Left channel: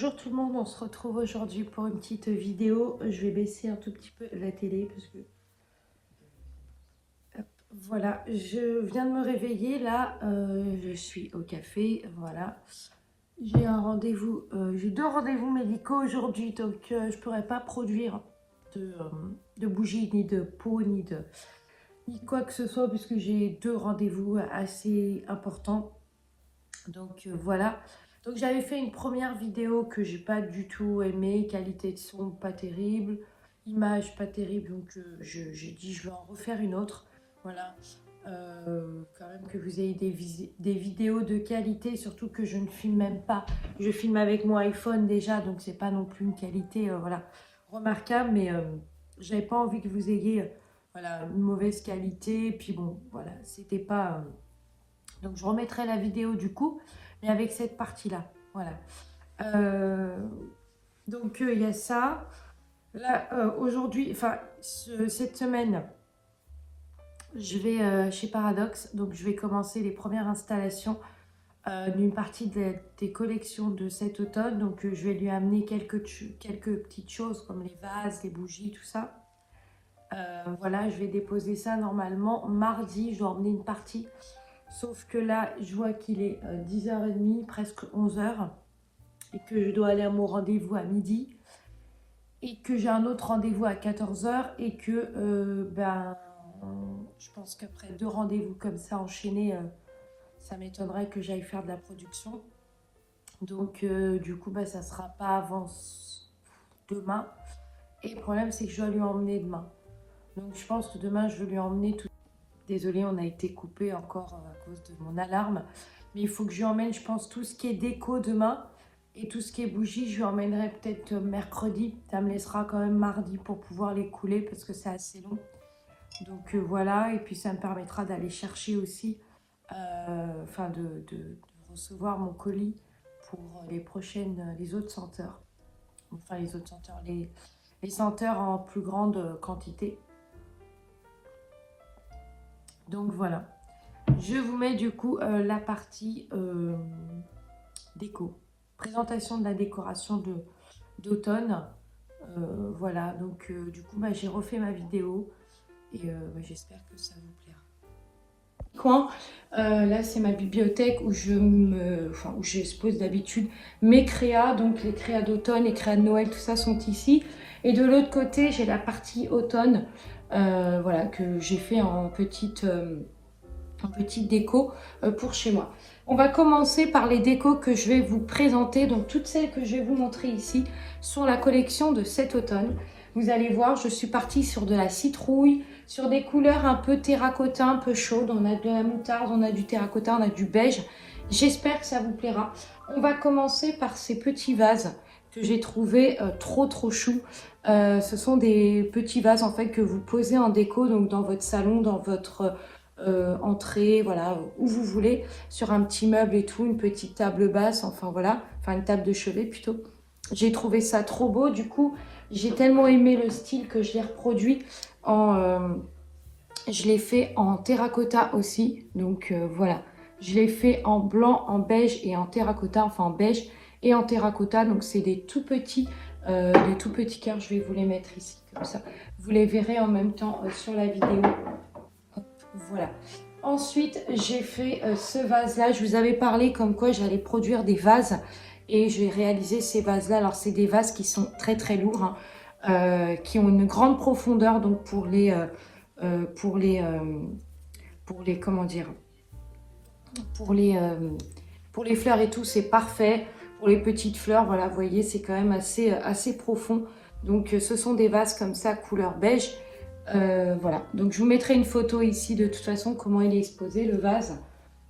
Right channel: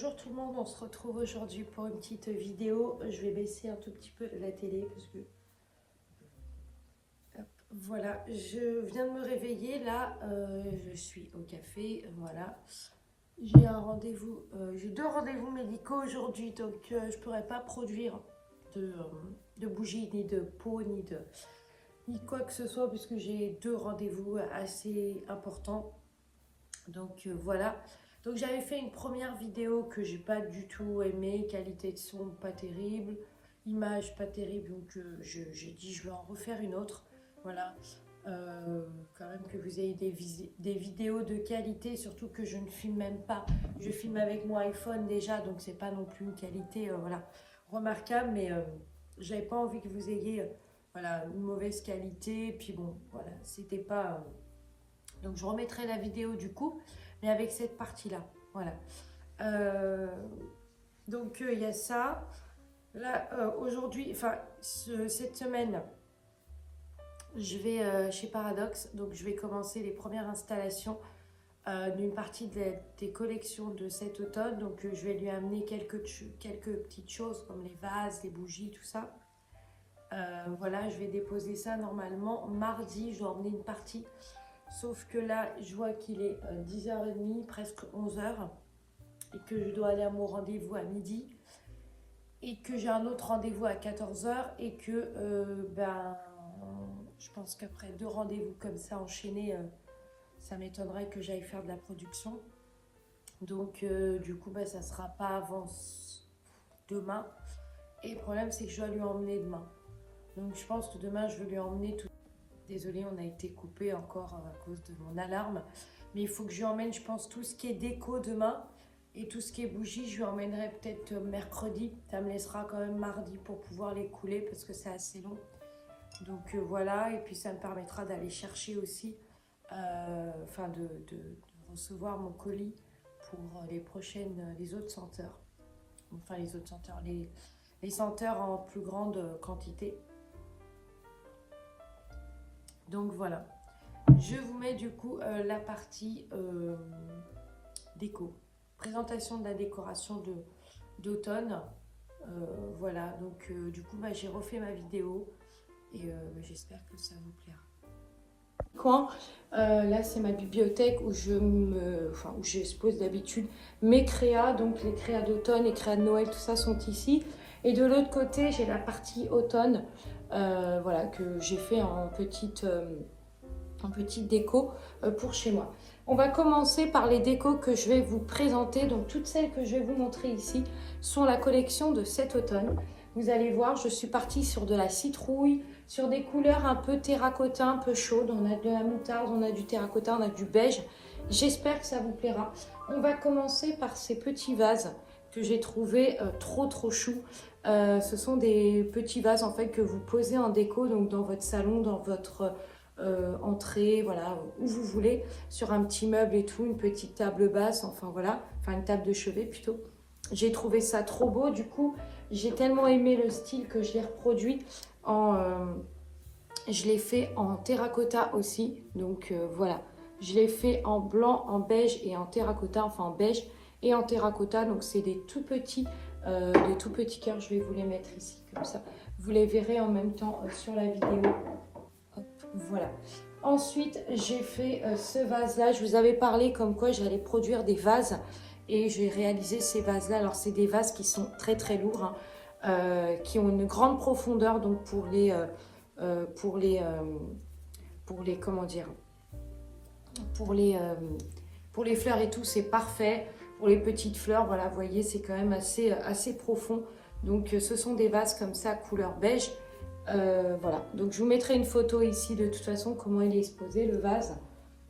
Bonjour tout le monde, on se retrouve aujourd'hui pour une petite vidéo. Je vais baisser un tout petit peu la télé parce que... Hop, voilà, je viens de me réveiller là, je suis au café, voilà. J'ai un rendez-vous, j'ai 2 rendez-vous médicaux aujourd'hui, donc je ne pourrai pas produire de bougies, ni de pots, ni quoi que ce soit, puisque j'ai 2 rendez-vous assez importants. Donc voilà. Donc j'avais fait une première vidéo que j'ai pas du tout aimée, qualité de son pas terrible, image pas terrible, donc j'ai dit je vais en refaire une autre. Voilà. Quand même que vous ayez des vidéos de qualité, surtout que je ne filme même pas. Je filme avec mon iPhone déjà, donc c'est pas non plus une qualité voilà, remarquable, mais j'avais pas envie que vous ayez voilà, une mauvaise qualité. Puis bon, voilà, c'était pas... donc je remettrai la vidéo du coup, mais avec cette partie-là. Voilà. Donc il y a ça. Là, aujourd'hui, enfin, cette semaine, je vais chez Paradox. Donc je vais commencer les premières installations d'une partie des collections de cet automne. Donc je vais lui amener quelques petites choses comme les vases, les bougies, tout ça. Voilà, je vais déposer ça normalement mardi. Je dois emmener une partie. Sauf que là, je vois qu'il est 10h30, presque 11h, et que je dois aller à mon rendez-vous à midi, et que j'ai un autre rendez-vous à 14h, et que je pense qu'après 2 rendez-vous comme ça enchaînés, ça m'étonnerait que j'aille faire de la production. Donc du coup, ça ne sera pas avant demain. Et le problème, c'est que je dois lui emmener demain. Donc je pense que demain, je vais lui emmener tout. Désolée, on a été coupé encore à cause de mon alarme. Mais il faut que je lui emmène, je pense, tout ce qui est déco demain. Et tout ce qui est bougies, je lui emmènerai peut-être mercredi. Ça me laissera quand même mardi pour pouvoir les couler parce que c'est assez long. Donc voilà, et puis ça me permettra d'aller chercher aussi, de recevoir mon colis pour les autres senteurs. Enfin, les autres senteurs, les senteurs en plus grande quantité. Donc voilà, je vous mets du coup la partie déco, présentation de la décoration d'automne. Voilà, donc du coup j'ai refait ma vidéo et j'espère que ça vous plaira. Coin, là c'est ma bibliothèque où où j'expose d'habitude mes créas, donc les créas d'automne, les créas de Noël, tout ça sont ici. Et de l'autre côté, j'ai la partie automne, voilà, que j'ai fait en petite déco pour chez moi. On va commencer par les décos que je vais vous présenter. Donc toutes celles que je vais vous montrer ici sont la collection de cet automne. Vous allez voir, je suis partie sur de la citrouille, sur des couleurs un peu terracotta, un peu chaudes. On a de la moutarde, on a du terracotta, on a du beige. J'espère que ça vous plaira. On va commencer par ces petits vases que j'ai trouvé trop chou. Ce sont des petits vases en fait que vous posez en déco, donc dans votre salon, dans votre entrée, voilà, où vous voulez, sur un petit meuble et tout, une petite table basse, enfin voilà, enfin une table de chevet plutôt. J'ai trouvé ça trop beau, du coup j'ai tellement aimé le style que je l'ai reproduit je l'ai fait en terracotta aussi, donc voilà, je l'ai fait en blanc, en beige et en terracotta, enfin en beige et en terracotta. Donc c'est des tout petits cœurs. Je vais vous les mettre ici comme ça, vous les verrez en même temps sur la vidéo. Hop, voilà. Ensuite j'ai fait ce vase là. Je vous avais parlé comme quoi j'allais produire des vases et je vais réaliser ces vases là. Alors c'est des vases qui sont très lourds, hein, qui ont une grande profondeur, donc pour les comment dire, pour les fleurs et tout, c'est parfait. Pour les petites fleurs, voilà, vous voyez, c'est quand même assez profond. Donc ce sont des vases comme ça, couleur beige. Voilà, donc je vous mettrai une photo ici de toute façon comment il est exposé le vase.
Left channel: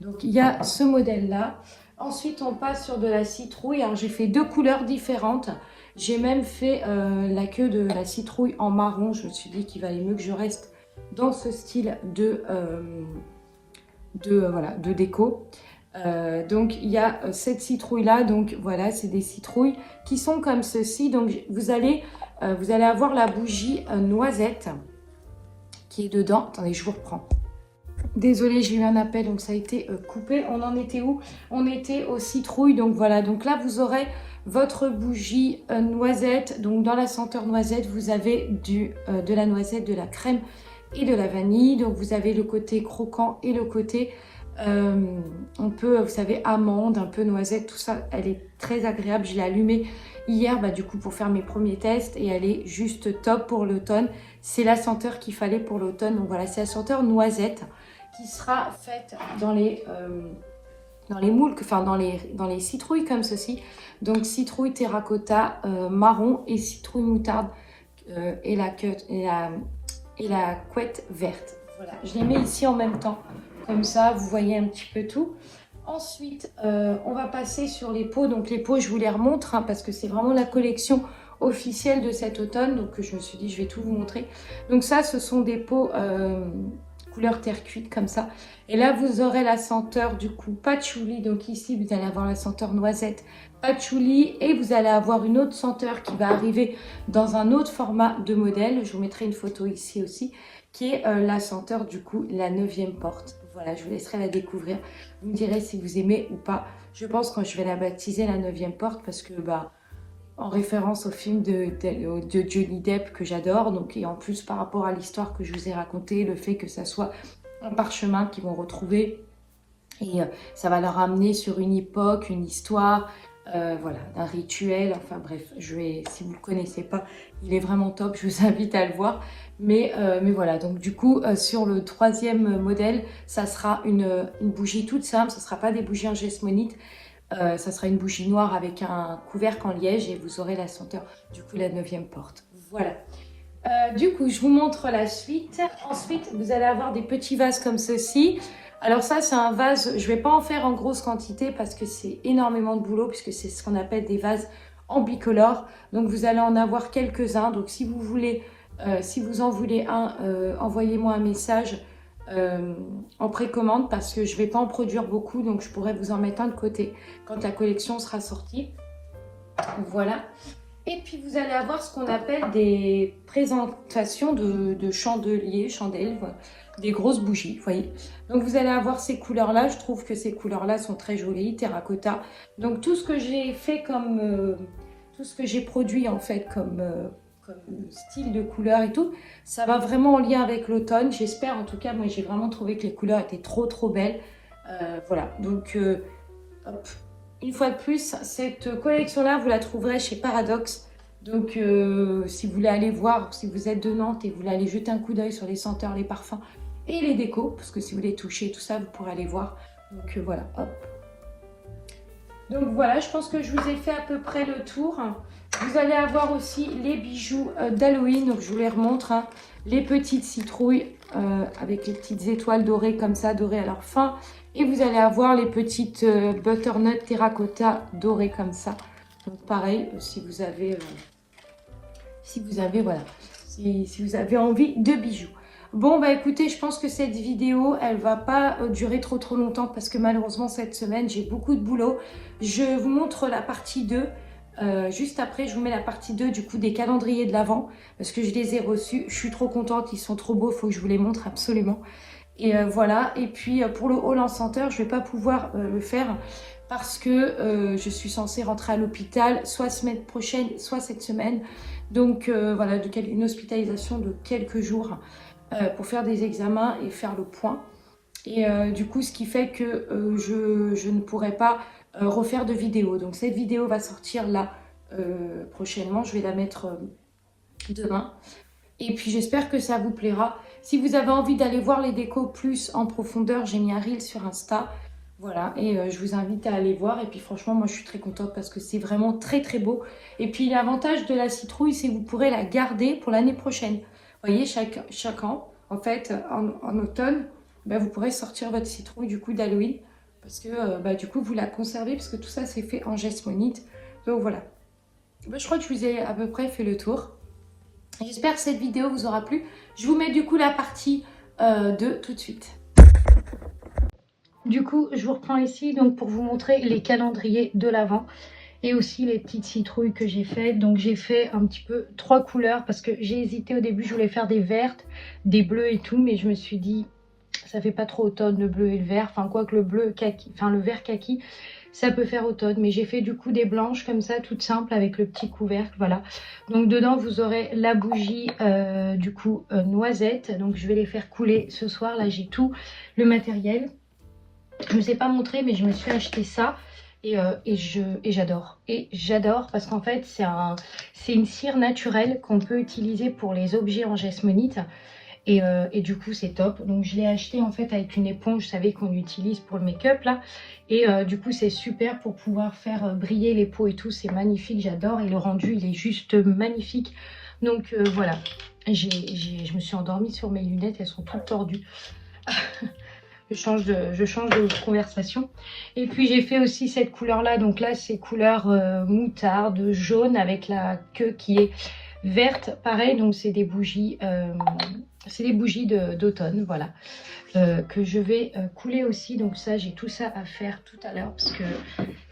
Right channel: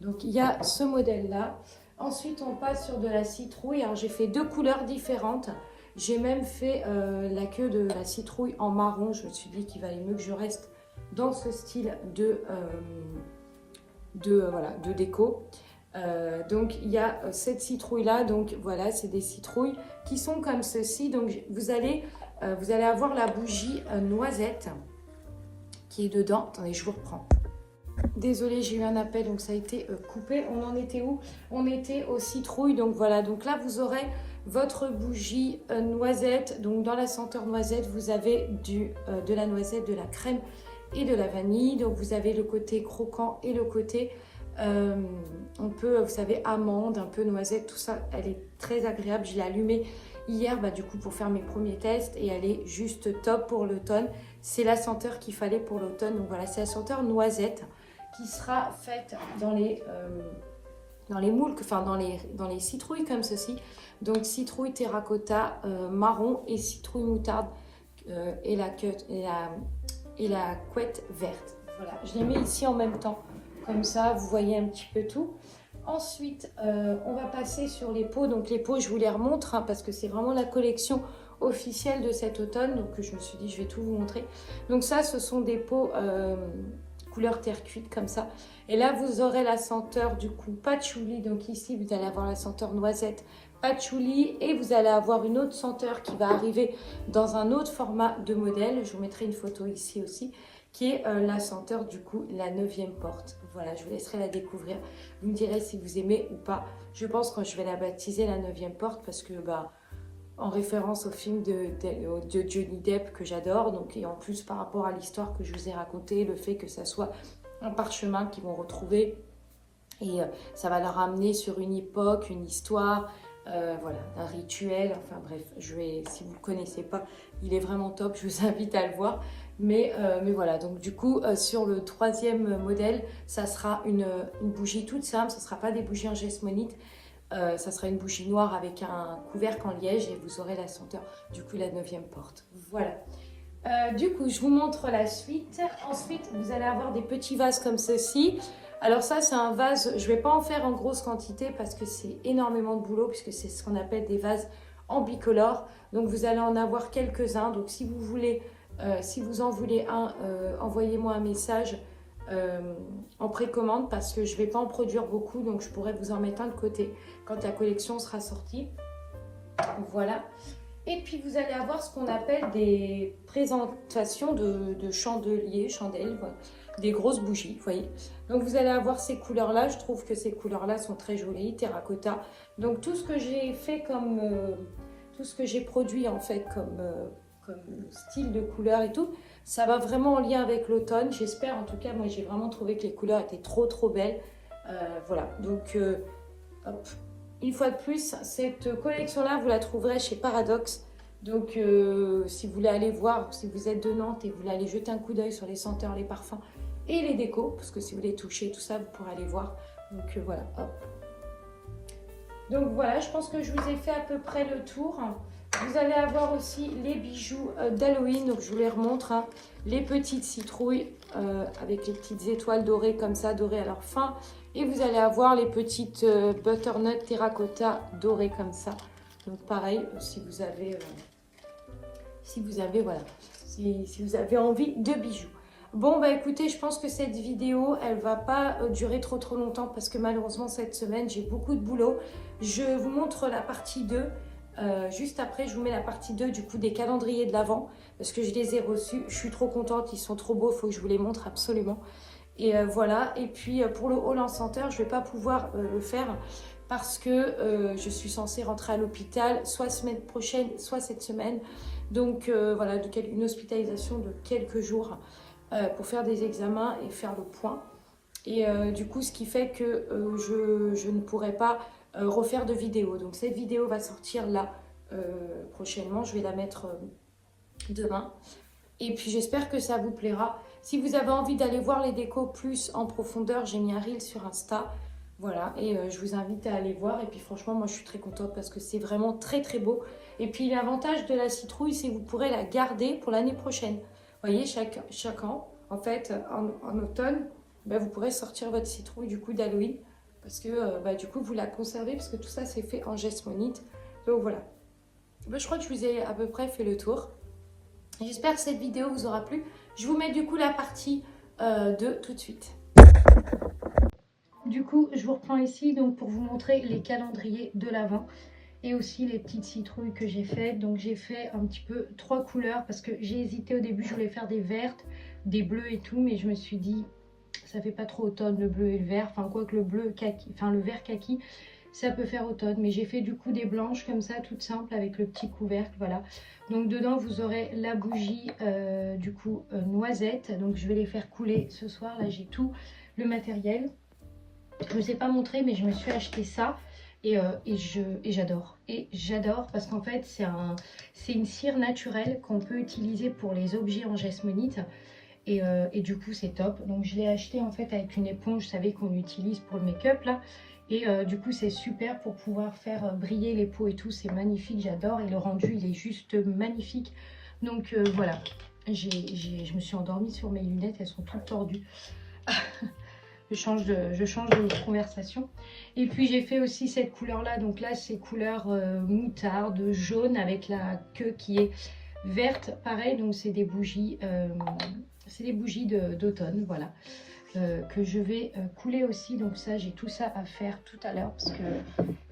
Donc il y a ce modèle là. Ensuite on passe sur de la citrouille. Alors j'ai fait 2 couleurs différentes. J'ai même fait la queue de la citrouille en marron. Je me suis dit qu'il valait mieux que je reste dans ce style de déco. Donc il y a cette citrouille là, donc voilà, c'est des citrouilles qui sont comme ceci. Donc vous allez avoir la bougie noisette qui est dedans. Attendez, je vous reprends. Désolée, j'ai eu un appel, donc ça a été coupé. On en était où? On était aux citrouilles, donc voilà. Donc là, vous aurez votre bougie noisette. Donc dans la senteur noisette, vous avez de la noisette, de la crème et de la vanille. Donc vous avez le côté croquant et le côté un peu, vous savez, amande, un peu noisette, tout ça. Elle est très agréable. Je l'ai allumée hier du coup pour faire mes premiers tests et elle est juste top pour l'automne. C'est la senteur qu'il fallait pour l'automne. Donc voilà, c'est la senteur noisette qui sera faite dans les moules, enfin dans les citrouilles comme ceci. Donc citrouille terracotta marron et citrouille moutarde et la couette verte. Voilà, je les mets ici en même temps. Comme ça, vous voyez un petit peu tout. Ensuite, on va passer sur les pots. Donc les pots, je vous les remontre parce que c'est vraiment la collection officielle de cet automne. Donc je me suis dit, je vais tout vous montrer. Donc ça, ce sont des pots couleur terre cuite comme ça. Et là, vous aurez la senteur du coup patchouli. Donc ici, vous allez avoir la senteur noisette patchouli. Et vous allez avoir une autre senteur qui va arriver dans un autre format de modèle. Je vous mettrai une photo ici aussi, qui est la senteur du coup la 9e porte. Voilà, je vous laisserai la découvrir. Vous me direz si vous aimez ou pas. Je pense que je vais la baptiser la 9e porte parce que en référence au film de Johnny Depp que j'adore. Donc, et en plus par rapport à l'histoire que je vous ai racontée, le fait que ça soit un parchemin qu'ils vont retrouver. Et ça va leur amener sur une époque, une histoire, voilà, un rituel. Enfin bref, si vous ne le connaissez pas, il est vraiment top. Je vous invite à le voir. Mais voilà, donc du coup, sur le 3e modèle, ça sera une bougie toute simple. Ça ne sera pas des bougies en geste-monite. Ça sera une bougie noire avec un couvercle en liège et vous aurez la senteur, du coup, la 9e porte. Voilà. Du coup, je vous montre la suite. Ensuite, vous allez avoir des petits vases comme ceci. Alors ça, c'est un vase, je ne vais pas en faire en grosse quantité parce que c'est énormément de boulot puisque c'est ce qu'on appelle des vases en bicolore. Donc, vous allez en avoir quelques-uns. Donc, si vous voulez, si vous en voulez un, envoyez-moi un message en précommande parce que je ne vais pas en produire beaucoup. Donc, je pourrais vous en mettre un de côté quand la collection sera sortie. Voilà. Et puis, vous allez avoir ce qu'on appelle des présentations de chandelles, voilà, des grosses bougies, vous voyez. Donc, vous allez avoir ces couleurs-là. Je trouve que ces couleurs-là sont très jolies, terracotta. Donc, tout ce que j'ai fait tout ce que j'ai produit en fait comme style de couleur et tout, ça va vraiment en lien avec l'automne. J'espère, en tout cas, moi, j'ai vraiment trouvé que les couleurs étaient trop belles. Voilà, donc, hop. Une fois de plus, cette collection-là, vous la trouverez chez Paradoxe. Donc, si vous voulez aller voir, si vous êtes de Nantes et vous voulez aller jeter un coup d'œil sur les senteurs, les parfums et les décos, parce que si vous voulez toucher tout ça, vous pourrez aller voir. Donc, voilà, hop. Donc, voilà, je pense que je vous ai fait à peu près le tour. Vous allez avoir aussi les bijoux d'Halloween. Donc, je vous les remontre. Hein. Les petites citrouilles avec les petites étoiles dorées comme ça, dorées à leur fin. Et vous allez avoir les petites butternut terracotta dorées comme ça. Donc pareil, si vous avez voilà, si vous avez envie de bijoux. Bon écoutez, je pense que cette vidéo, elle va pas durer trop longtemps parce que malheureusement cette semaine, j'ai beaucoup de boulot. Je vous montre la partie 2. Juste après, je vous mets la partie 2 du coup des calendriers de l'Avent parce que je les ai reçus. Je suis trop contente, ils sont trop beaux, il faut que je vous les montre absolument. Et voilà, et puis pour le haul en senteur, je ne vais pas pouvoir le faire parce que je suis censée rentrer à l'hôpital soit semaine prochaine, soit cette semaine. Donc voilà, une hospitalisation de quelques jours pour faire des examens et faire le point. Et du coup, ce qui fait que je ne pourrai pas refaire de vidéo. Donc cette vidéo va sortir là prochainement, je vais la mettre demain. Et puis j'espère que ça vous plaira. Si vous avez envie d'aller voir les décos plus en profondeur, j'ai mis un reel sur Insta. Voilà, et je vous invite à aller voir. Et puis franchement, moi je suis très contente parce que c'est vraiment très beau. Et puis l'avantage de la citrouille, c'est que vous pourrez la garder pour l'année prochaine. Vous voyez, chaque an, en fait, en automne, vous pourrez sortir votre citrouille du coup d'Halloween. Parce que du coup, vous la conservez parce que tout ça, c'est fait en geste-monite. Donc voilà. Je crois que je vous ai à peu près fait le tour. J'espère que cette vidéo vous aura plu. Je vous mets du coup la partie 2 tout de suite. Du coup, je vous reprends ici donc pour vous montrer les calendriers de l'Avent et aussi les petites citrouilles que j'ai faites. Donc j'ai fait un petit peu 3 couleurs parce que j'ai hésité au début, je voulais faire des vertes, des bleus et tout, mais je me suis dit ça fait pas trop automne le bleu et le vert, enfin quoi que le bleu kaki, enfin le vert kaki, ça peut faire automne. Mais j'ai fait du coup des blanches comme ça, toutes simples, avec le petit couvercle, voilà. Donc dedans, vous aurez la bougie, du coup, noisette. Donc je vais les faire couler ce soir. Là, j'ai tout le matériel. Je ne vous ai pas montré, mais je me suis acheté ça. Et j'adore. Et j'adore parce qu'en fait, c'est une cire naturelle qu'on peut utiliser pour les objets en jasmonite. Et du coup, c'est top. Donc, je l'ai acheté en fait avec une éponge, vous savez, qu'on utilise pour le make-up là. Et du coup, c'est super pour pouvoir faire briller les peaux et tout. C'est magnifique, j'adore. Et le rendu, il est juste magnifique. Donc, voilà. Je me suis endormie sur mes lunettes, elles sont toutes tordues. Je change de conversation. Et puis j'ai fait aussi cette couleur là. Donc là c'est couleur moutarde, jaune avec la queue qui est verte. Pareil, donc c'est des bougies, d'automne, voilà. Que je vais couler aussi. Donc ça, j'ai tout ça à faire tout à l'heure parce que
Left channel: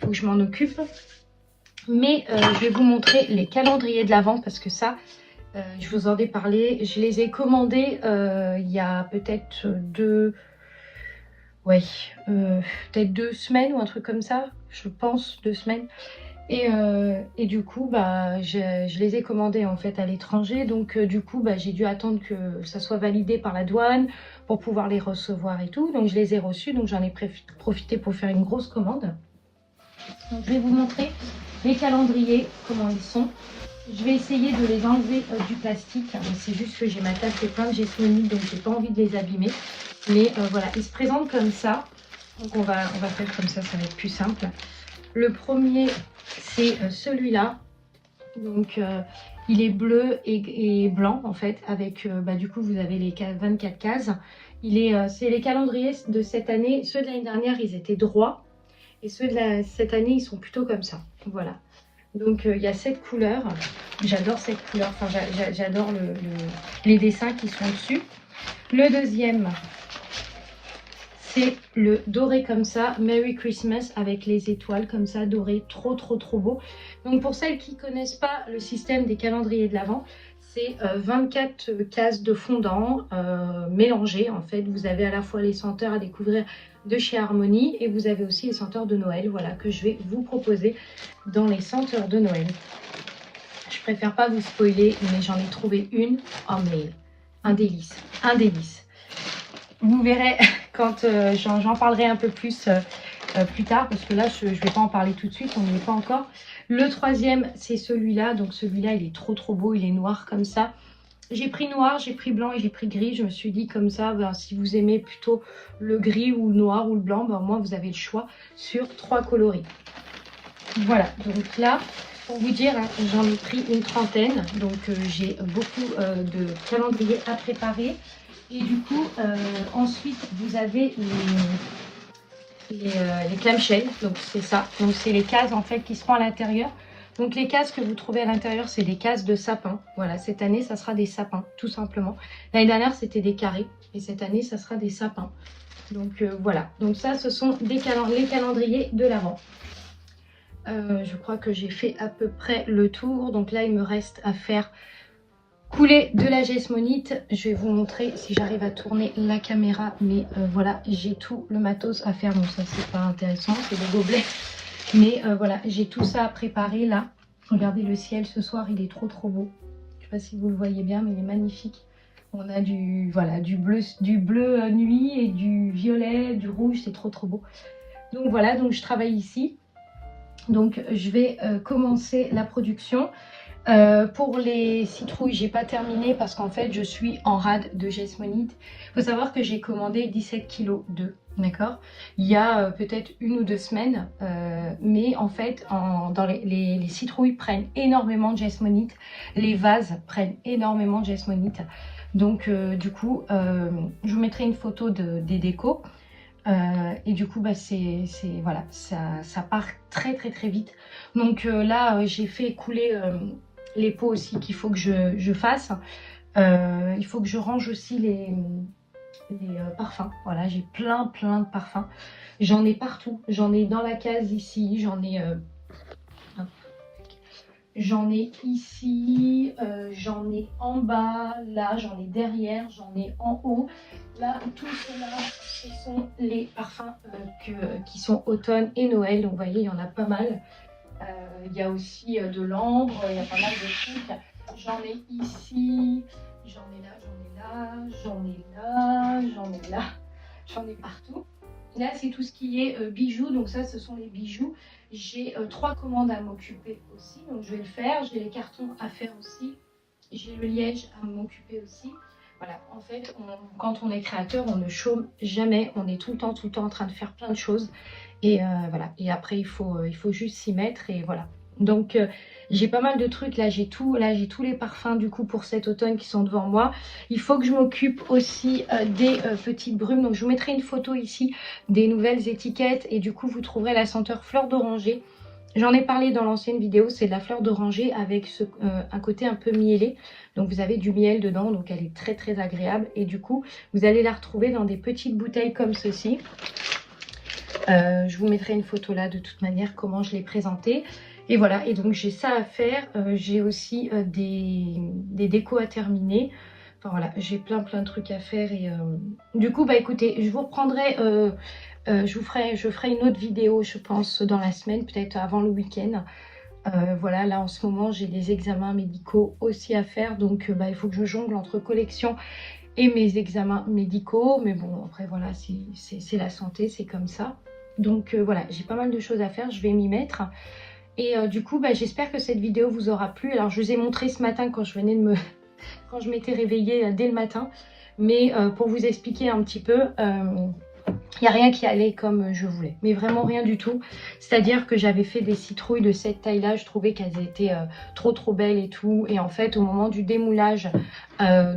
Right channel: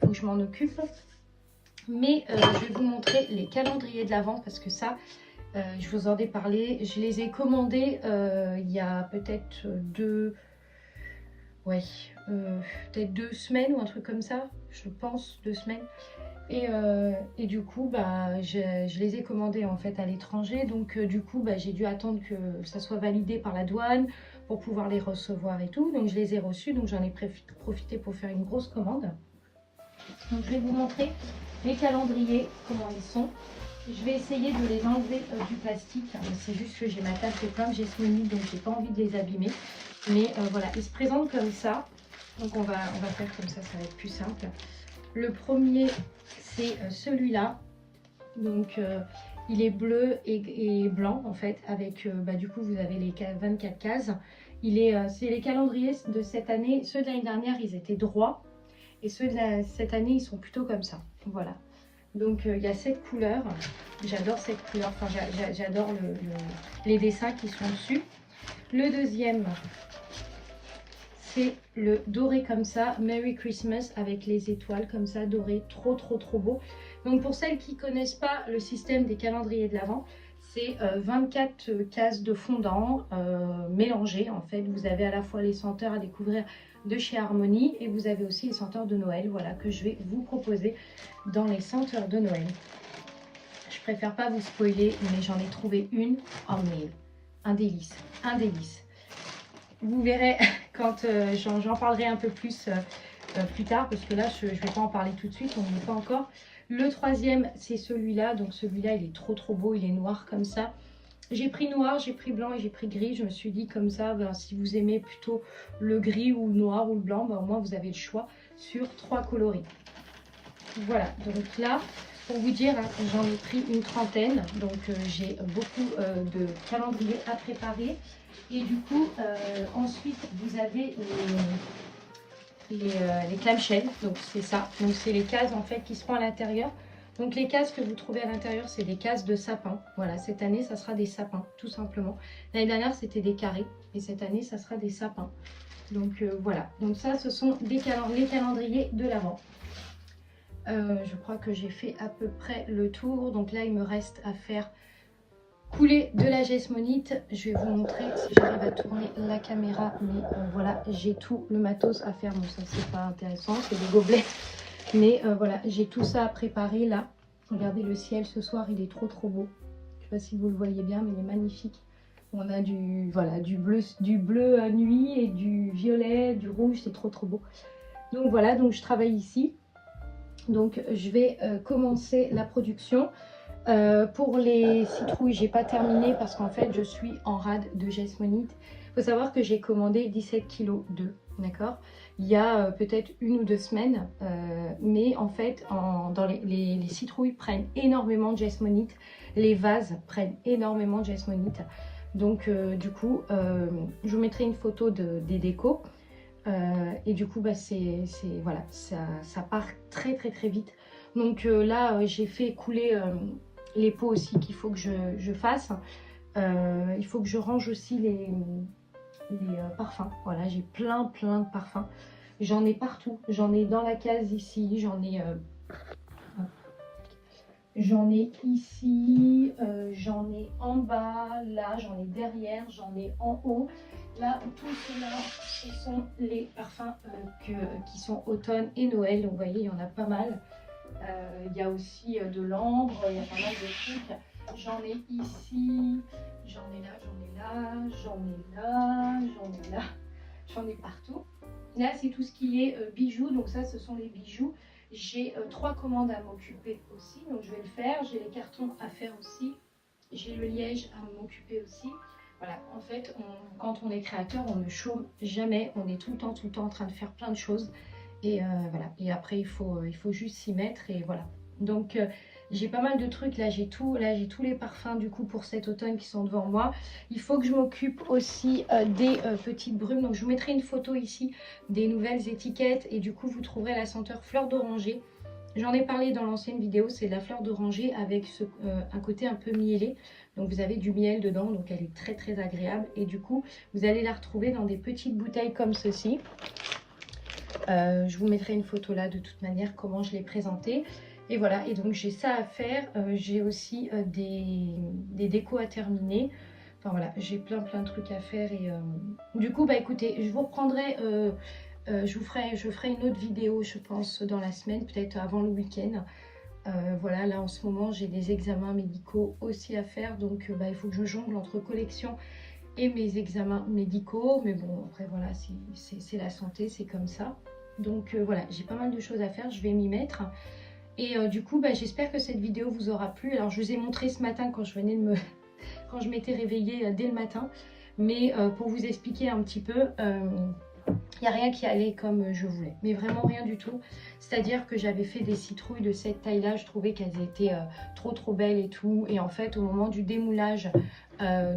faut que je m'en occupe. Mais je vais vous montrer les calendriers de l'Avent parce que ça, je vous en ai parlé. Je les ai commandés il y a peut-être peut-être 2 semaines ou un truc comme ça, je pense 2 semaines. Et du coup, bah, je les ai commandés en fait à l'étranger. Donc du coup, bah, j'ai dû attendre que ça soit validé par la douane pour pouvoir les recevoir et tout. Donc je les ai reçus, donc j'en ai profité pour faire une grosse commande. Donc je vais vous montrer les calendriers, comment ils sont. Je vais essayer de les enlever du plastique. C'est juste que j'ai ma table qui est plein de jasmonite, donc j'ai pas envie de les abîmer. Mais voilà, ils se présentent comme ça. Donc on va faire comme ça va être plus simple. Le premier, c'est celui-là. Donc il est bleu et blanc en fait. Avec du coup, vous avez les 24 cases. C'est les calendriers de cette année. Ceux de l'année dernière, ils étaient droits. Et ceux de cette année, ils sont plutôt comme ça. Voilà. Donc il y a cette couleur. J'adore cette couleur. Enfin, j'adore les dessins qui sont dessus. Le deuxième, c'est le doré comme ça, Merry Christmas avec les étoiles comme ça, doré, trop beau. Donc pour celles qui ne connaissent pas le système des calendriers de l'Avent, c'est 24 cases de fondant mélangées. En fait, vous avez à la fois les senteurs à découvrir de chez Harmonie et vous avez aussi les senteurs de Noël, voilà, que je vais vous proposer dans les senteurs de Noël. Je préfère pas vous spoiler, mais j'en ai trouvé une. Oh mais un délice, un délice. Vous verrez quand j'en parlerai un peu plus plus tard, parce que là je ne vais pas en parler tout de suite, on n'y est pas encore. Le troisième, c'est celui-là. Donc celui-là, il est trop beau, il est noir comme ça. J'ai pris noir, j'ai pris blanc et j'ai pris gris. Je me suis dit comme ça, ben, si vous aimez plutôt le gris ou le noir ou le blanc, ben, moi vous avez le choix sur 3 coloris. Voilà, donc là, pour vous dire, hein, j'en ai pris une trentaine. Donc j'ai beaucoup de calendriers à préparer. Et du coup, ensuite, vous avez les clamshells. Donc c'est ça. Donc c'est les cases en fait qui seront à l'intérieur. Donc les cases que vous trouvez à l'intérieur, c'est des cases de sapin. Voilà, cette année, ça sera des sapins, tout simplement. L'année dernière, c'était des carrés. Et cette année, ça sera des sapins. Donc voilà. Donc ça, ce sont les calendriers de l'Avent. Je crois que j'ai fait à peu près le tour. Donc là, il me reste à faire couler de la jasmonite. Je vais vous montrer si j'arrive à tourner la caméra. Mais voilà, j'ai tout le matos à faire. Donc ça, c'est pas intéressant. C'est le gobelet. Mais voilà, j'ai tout ça à préparer là. Regardez le ciel ce soir, il est trop beau. Je sais pas si vous le voyez bien, mais il est magnifique. On a du bleu nuit et du violet, du rouge, c'est trop beau. Donc voilà, donc je travaille ici. Donc je vais commencer la production. Pour les citrouilles, j'ai pas terminé parce qu'en fait je suis en rade de jasmonite. Il faut savoir que j'ai commandé 17 kg d'œufs, d'accord, il y a peut-être 1 ou 2 semaines, mais en fait les citrouilles prennent énormément de jasmonite, les vases prennent énormément de jasmonite. Donc du coup je vous mettrai une photo des décos. Et du coup, bah, voilà, ça part très vite. Donc là, j'ai fait couler les pots aussi qu'il faut que je fasse. Il faut que je range aussi les parfums. Voilà, j'ai plein de parfums. J'en ai partout. J'en ai dans la case ici. J'en ai ici, j'en ai en bas, là j'en ai derrière, j'en ai en haut. Là, tout cela, ce sont les parfums qui sont automne et Noël. Donc vous voyez, il y en a pas mal. Il y a aussi de l'ambre, il y a pas mal de trucs. J'en ai ici, j'en ai là, j'en ai là, j'en ai là, j'en ai là, j'en ai partout. Là, c'est tout ce qui est bijoux. Donc ça, ce sont les bijoux. J'ai 3 commandes à m'occuper aussi. Donc je vais le faire. J'ai les cartons à faire aussi. J'ai le liège à m'occuper aussi. Voilà, en fait, quand on est créateur, on ne chôme jamais. On est tout le temps en train de faire plein de choses. Et voilà. Et après, il faut juste s'y mettre. Et voilà. Donc, j'ai pas mal de trucs. Là, j'ai tous les parfums du coup pour cet automne qui sont devant moi. Il faut que je m'occupe aussi des petites brumes. Donc, je vous mettrai une photo ici des nouvelles étiquettes. Et du coup, vous trouverez la senteur fleur d'oranger. J'en ai parlé dans l'ancienne vidéo, c'est de la fleur d'oranger avec un côté un peu mielé. Donc vous avez du miel dedans, donc elle est très très agréable. Et du coup, vous allez la retrouver dans des petites bouteilles comme ceci. Je vous mettrai une photo là de toute manière, comment je l'ai présentée. Et voilà, et donc j'ai ça à faire. J'ai aussi des décos à terminer. Enfin voilà, j'ai plein de trucs à faire. Et du coup, bah écoutez, je vous reprendrai... je ferai une autre vidéo, je pense, dans la semaine, peut-être avant le week-end. Voilà, là en ce moment, j'ai des examens médicaux aussi à faire. Donc, il faut que je jongle entre collection et mes examens médicaux. Mais bon, après, voilà, c'est la santé, c'est comme ça. Donc, voilà, j'ai pas mal de choses à faire. Je vais m'y mettre. Et du coup, bah, j'espère que cette vidéo vous aura plu. Alors, je vous ai montré ce matin quand je venais de quand je m'étais réveillée dès le matin. Mais pour vous expliquer un petit peu... il n'y a rien qui allait comme je voulais, mais vraiment rien du tout. C'est-à-dire que j'avais fait des citrouilles de cette taille-là, je trouvais qu'elles étaient trop belles et tout. Et en fait, au moment du démoulage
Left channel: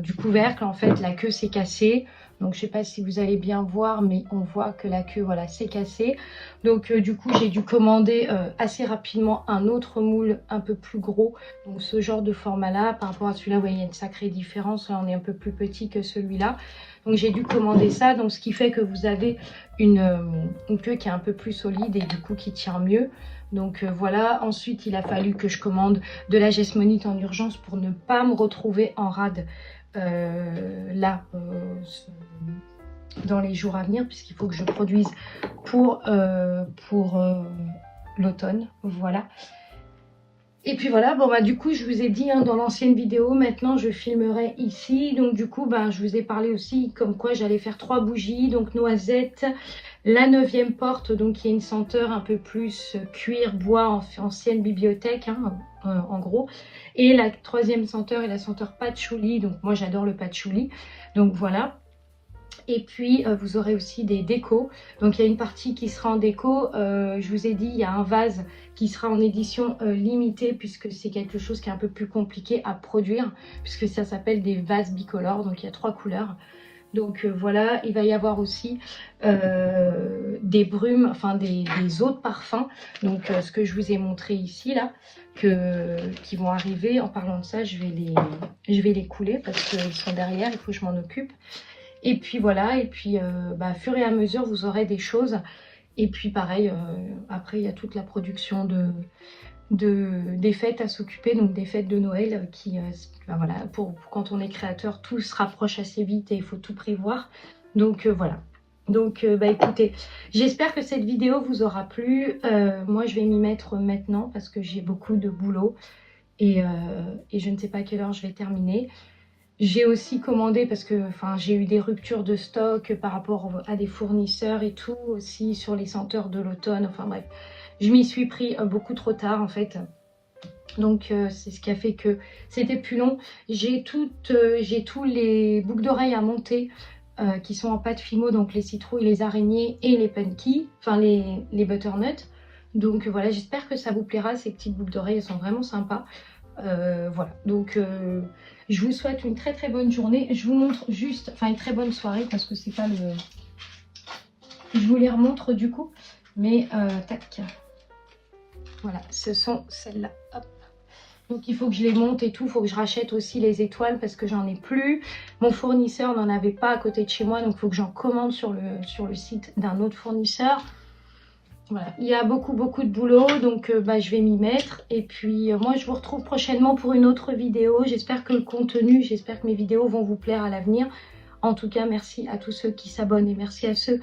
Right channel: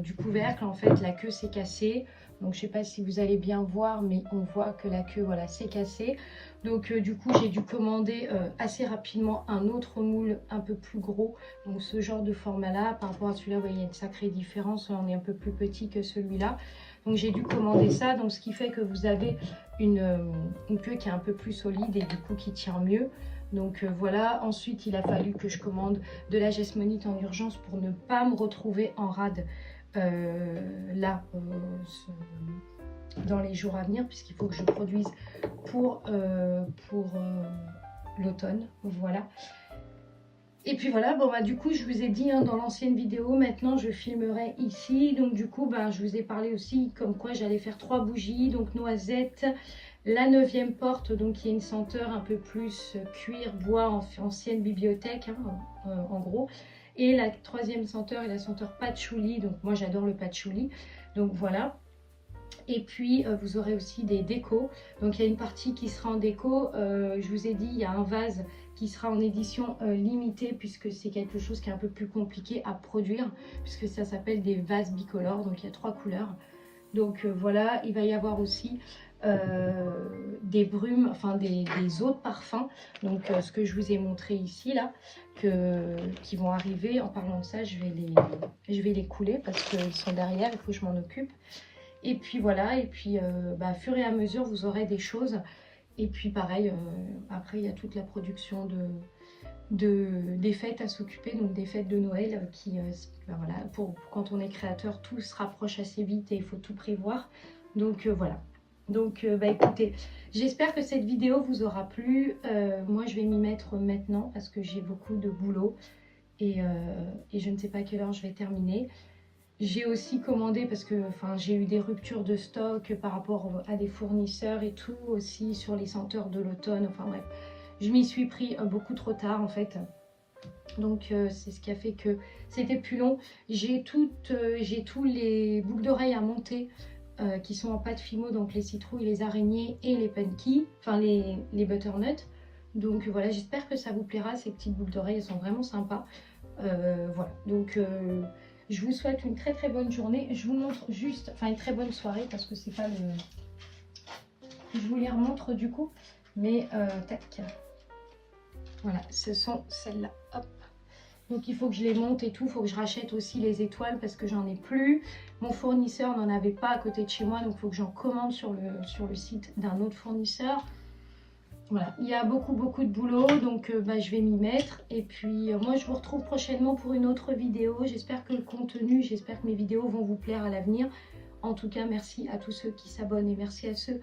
du couvercle, en fait, la queue s'est cassée. Donc, je ne sais pas si vous allez bien voir, mais on voit que la queue, voilà, s'est cassée. Donc, du coup, j'ai dû commander assez rapidement un autre moule un peu plus gros. Donc, ce genre de format-là, par rapport à celui-là, vous voyez, il y a une sacrée différence. Là, on est un peu plus petit que celui-là. Donc j'ai dû commander ça, donc ce qui fait que vous avez une queue qui est un peu plus solide et du coup qui tient mieux. Donc voilà, ensuite il a fallu que je commande de la Gesmonite en urgence pour ne pas me retrouver en rade là dans les jours à venir, puisqu'il faut que je produise pour l'automne, voilà. Et puis voilà, bon bah du coup je vous ai dit dans l'ancienne vidéo, maintenant je filmerai ici. Donc du coup bah, je vous ai parlé aussi comme quoi j'allais faire 3 bougies. Donc noisette, la 9e porte, donc qui a une senteur un peu plus cuir, bois, ancienne bibliothèque en gros. Et la 3e senteur est la senteur patchouli, donc moi j'adore le patchouli. Donc voilà. Et puis vous aurez aussi des décos. Donc il y a une partie qui sera en déco. Je vous ai dit, il y a un vase qui sera en édition limitée, puisque c'est quelque chose qui est un peu plus compliqué à produire, puisque ça s'appelle des vases bicolores. Donc il y a 3 couleurs. Donc voilà, il va y avoir aussi des brumes, enfin des autres parfums. Donc ce que je vous ai montré ici là, qui vont arriver. En parlant de ça, je vais les couler parce qu'ils sont derrière, il faut que je m'en occupe. Et puis voilà, et puis bah, fur et à mesure, vous aurez des choses. Et puis pareil, après, il y a toute la production des fêtes à s'occuper, donc des fêtes de Noël qui, ben voilà, pour quand on est créateur, tout se rapproche assez vite et il faut tout prévoir. Donc voilà. Donc bah écoutez, j'espère que cette vidéo vous aura plu. Moi, je vais m'y mettre maintenant parce que j'ai beaucoup de boulot et je ne sais pas à quelle heure je vais terminer. J'ai aussi commandé parce que j'ai eu des ruptures de stock par rapport à des fournisseurs et tout, aussi sur les senteurs de l'automne. Enfin bref, je m'y suis pris beaucoup trop tard en fait. Donc c'est ce qui a fait que c'était plus long. J'ai tous les boucles d'oreilles à monter qui sont en pâte Fimo, donc les citrouilles, les araignées et les punky, enfin les butternuts. Donc voilà, j'espère que ça vous plaira, ces petites boucles d'oreilles, elles sont vraiment sympas. Voilà, donc je vous souhaite une très bonne journée. Je vous montre juste, enfin une très bonne soirée parce que c'est pas le... Je vous les remontre du coup, mais tac. Voilà, ce sont celles-là. Hop. Donc il faut que je les monte et tout, il faut que je rachète aussi les étoiles parce que j'en ai plus. Mon fournisseur n'en avait pas à côté de chez moi, donc il faut que j'en commande sur le site d'un autre fournisseur. Voilà, il y a beaucoup de boulot, donc je vais m'y mettre. Et puis moi je vous retrouve prochainement pour une autre vidéo. J'espère que le contenu, j'espère que mes vidéos vont vous plaire à l'avenir. En tout cas, merci à tous ceux qui s'abonnent et merci à ceux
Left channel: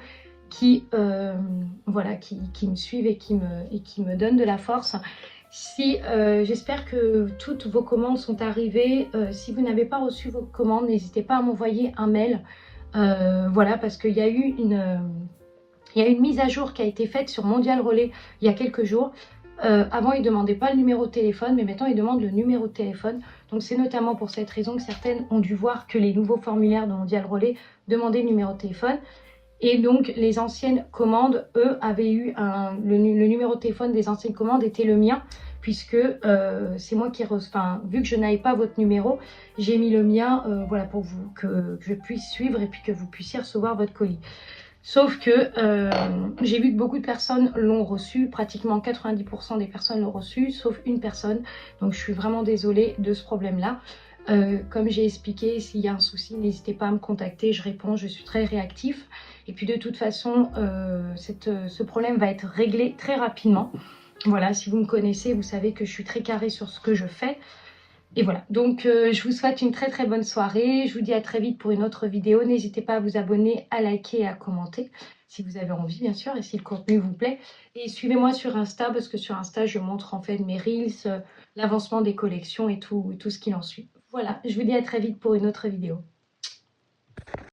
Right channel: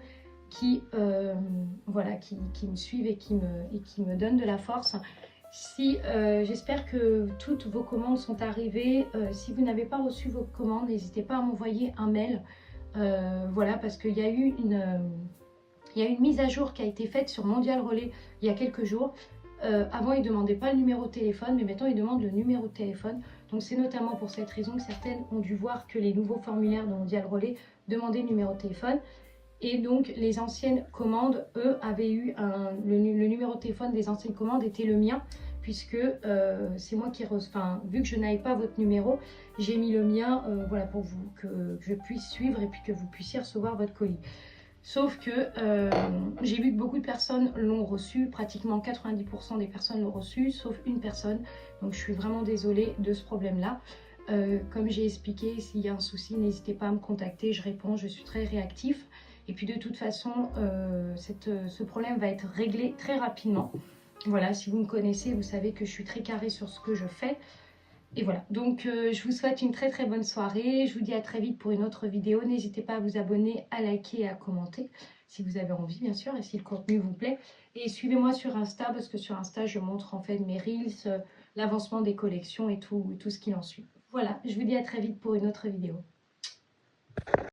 qui, voilà, qui me suivent et qui me donnent de la force. Si, j'espère que toutes vos commandes sont arrivées. Si vous n'avez pas reçu vos commandes, n'hésitez pas à m'envoyer un mail. Voilà, parce qu'il y a eu une mise à jour qui a été faite sur Mondial Relais il y a quelques jours. Avant, ils ne demandaient pas le numéro de téléphone, mais maintenant, ils demandent le numéro de téléphone. Donc, c'est notamment pour cette raison que certaines ont dû voir que les nouveaux formulaires de Mondial Relais demandaient le numéro de téléphone. Et donc, les anciennes commandes, eux, avaient eu le numéro de téléphone des anciennes commandes était le mien, puisque c'est moi qui enfin, vu que je n'avais pas votre numéro, j'ai mis le mien, voilà, pour vous, que je puisse suivre et puis que vous puissiez recevoir votre colis. Sauf que j'ai vu que beaucoup de personnes l'ont reçu, pratiquement 90% des personnes l'ont reçu, sauf une personne. Donc je suis vraiment désolée de ce problème-là. Comme j'ai expliqué, s'il y a un souci, n'hésitez pas à me contacter, je réponds, je suis très réactif. Et puis de toute façon, ce problème va être réglé très rapidement. Voilà, si vous me connaissez, vous savez que je suis très carrée sur ce que je fais. Et voilà, donc je vous souhaite une très bonne soirée. Je vous dis à très vite pour une autre vidéo. N'hésitez pas à vous abonner, à liker et à commenter si vous avez envie, bien sûr, et si le contenu vous plaît. Et suivez-moi sur Insta, parce que sur Insta, je montre en fait mes Reels, l'avancement des collections et tout ce qu'il en suit. Voilà, je vous dis à très vite pour une autre vidéo.